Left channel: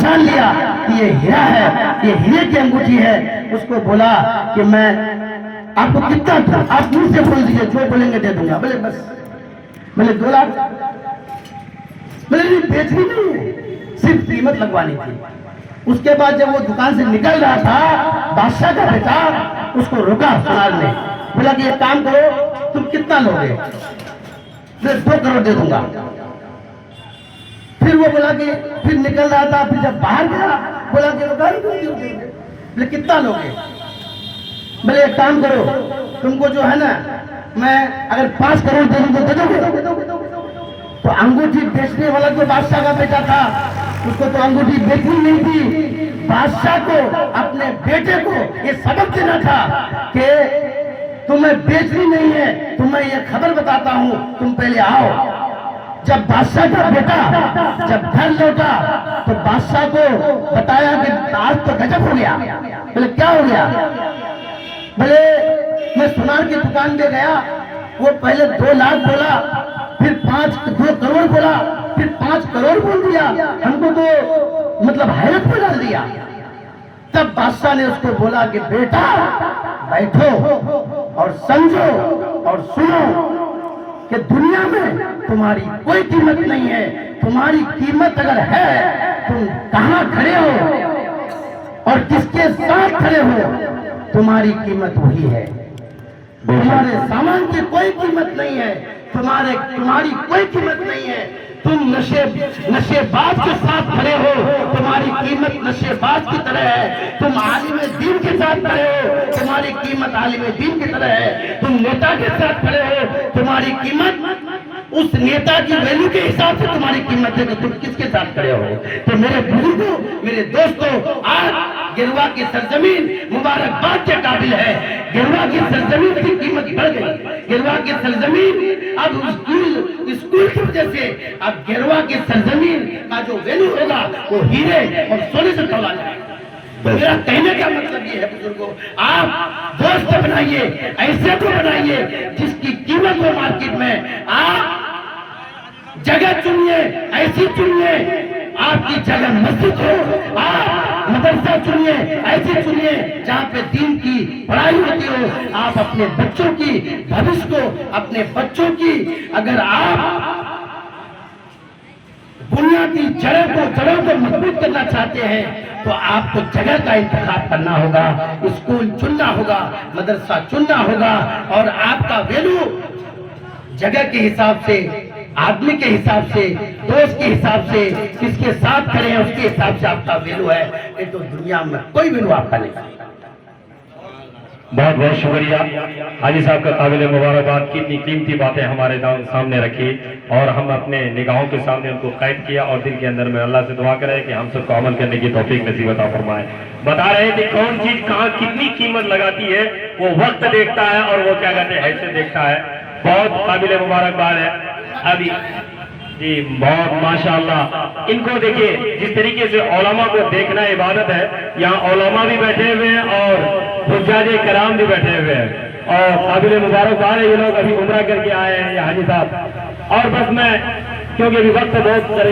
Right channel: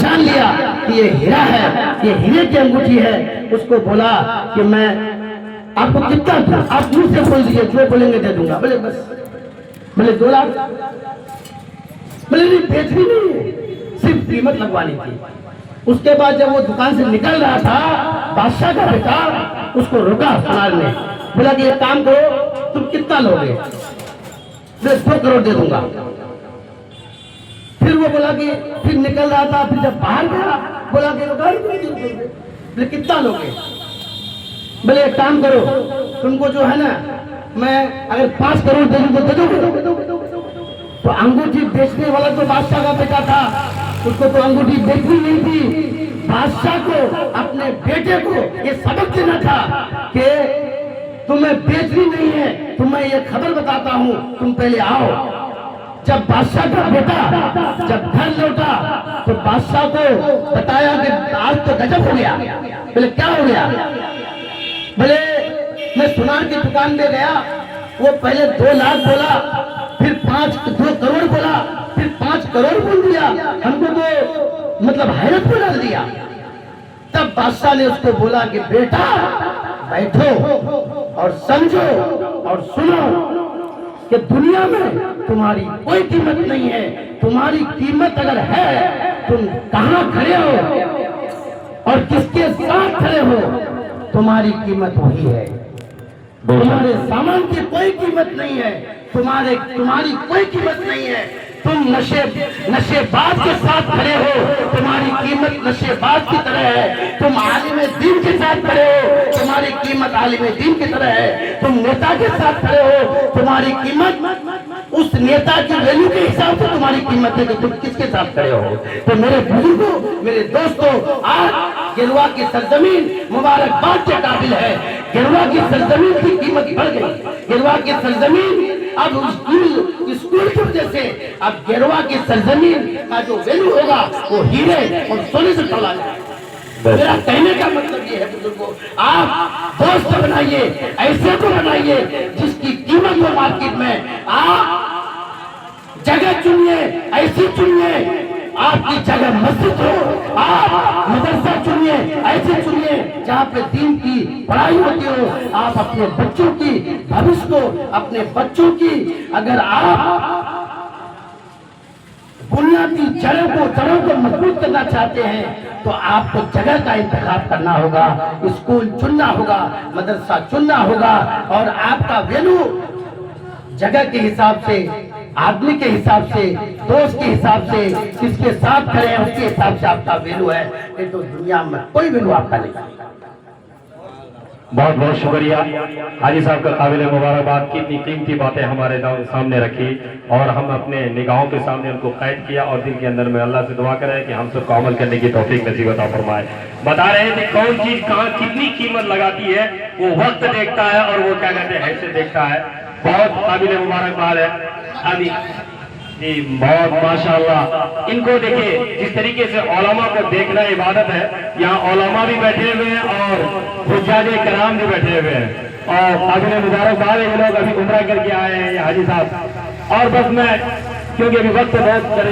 पहचान लिया कि ये हीरा है, ये हीरे की अंगूठी है, उसको बोला कि मैं आपको कितना दूं, आप मुझ से बोल दीजिए, जो बोलेंगे दे दूंगा। बोले बस, बोले 2 लाख। बोले नहीं, बेचनी नहीं है, सिर्फ कीमत लगवानी थी। उसके बाद जब वो दुकान से निकल रहा था, बादशाह का बेटा उसको रोका सुनार में, बोला कि एक काम करो, तुम कितना लोगे? 2 करोड़ दे दूंगा। फिर वो बोला कि फिर निकल रहा था, फिर जब बाहर गया बोला कि बोले कितना लोगे? बोले एक काम करो, तुमको जो है ना, मैं अगर 5 करोड़ दे दूं तो दे दोगे? तो अंगूठी बेचने वाला तो बादशाह का बेटा था, उसको तो अंगूठी बेचनी नहीं थी। बादशाह को अपने बेटे को ये सबक देना था कि तुम्हें बेचनी नहीं है, तुम्हें ये खबर बताता हूं, तुम पहले आओ। जब बादशाह का बेटा जब घर लौटा तो बादशाह को बताया कि आज तो गजब हो गया। बोले क्या हो गया? बोले मैं सुनार की दुकान में गया, वो पहले 2 लाख बोला, फिर 2 करोड़ बोला, फिर 5 करोड़ बोल दिया, हमको तो मतलब हैरत में डाल दिया। तब बादशाह ने उसको बोला कि बेटा बैठो और समझो और सुनो कि दुनिया में तुम्हारी कोई कीमत नहीं है। तुम्हारी कीमत अगर है, तुम कहां खड़े हो और किसके साथ खड़े हो, तुम्हारी कीमत वही है। तुम्हारे सामान की कोई कीमत नहीं है, तुम्हारी कोई कीमत नहीं है। तुम नशेबाज के साथ खड़े हो, तुम्हारी कीमत नशेबाज की तरह है। तुम आलिम दीन के साथ खड़े हो, तुम्हारी कीमत आलिम दीन की तरह है। तुम नेता के साथ खड़े हो, तुम्हारी कीमत उस नेता की वैल्यू के हिसाब से तुम्हारी कीमत है कि तुम किसके साथ खड़े हो। तो मेरे बुजुर्गों, मेरे दोस्तों, आज गिरवा की सरजमीन मुबारकबाद के काबिल है। गिरवा की सरजमीन की कीमत बढ़ गई। गिरवा की सरजमीन अब स्कूल की वजह से अब गिरवा की सरजमीन का जो वैल्यू होगा वो हीरे और सोने से तोला जाएगा। मेरा कहने का मतलब ये है बुजुर्गों, आप दोस्त बनाइए, ऐसे को बनाइए जिसकी कीमत हो मार्केट में। आप जगह चुनिए, ऐसी चुनिए आपकी जगह मस्जिद हो। आप मदरसा चुनिए, ऐसे चुनिए जहाँ पे दीन की पढ़ाई होती हो। आप अपने बच्चों की भविष्य को, अपने बच्चों की अगर आप बुनियादी जड़ों को मजबूत करना चाहते हैं तो आपको जगह का इंतखाब करना होगा, स्कूल चुनना होगा, मदरसा चुनना होगा। और आपका वैल्यू जगह के हिसाब से, आदमी के हिसाब से, दोस्त के हिसाब से, किसके साथ खड़े हैं उसके हिसाब से आपका वैल्यू है। नहीं तो दुनिया में कोई वैल्यू आपका नहीं। बहुत बहुत शुक्रिया हाजी साहब का काबिल मुबारकबाद की इतनी कीमती बातें हमारे सामने रखी और हम अपने निगाहों के सामने उनको कैद किया और दिल के अंदर में अल्लाह से दुआ करें कि हम सबको अमल करने की तौफीक नसीब अता फरमाए। बता रहे हैं कि कौन चीज कहाँ कितनी कीमत लगाती है, वो वक्त देखता है और वो क्या कहते हैं हैसियत देखता है। बहुत काबिल मुबारकबाद है अभी जी, बहुत माशाअल्लाह। इनको देखिए जिस तरीके से उलमा को देखना इबादत है, यहाँ उलमा भी बैठे हुए हैं और हुज्जाजे कराम भी बैठे हुए हैं और काबिल मुबारकबाद है। ये लोग अभी उम्रा करके आए हैं हाजी साहब। और बस मैं क्योंकि अभी वक्त बहुत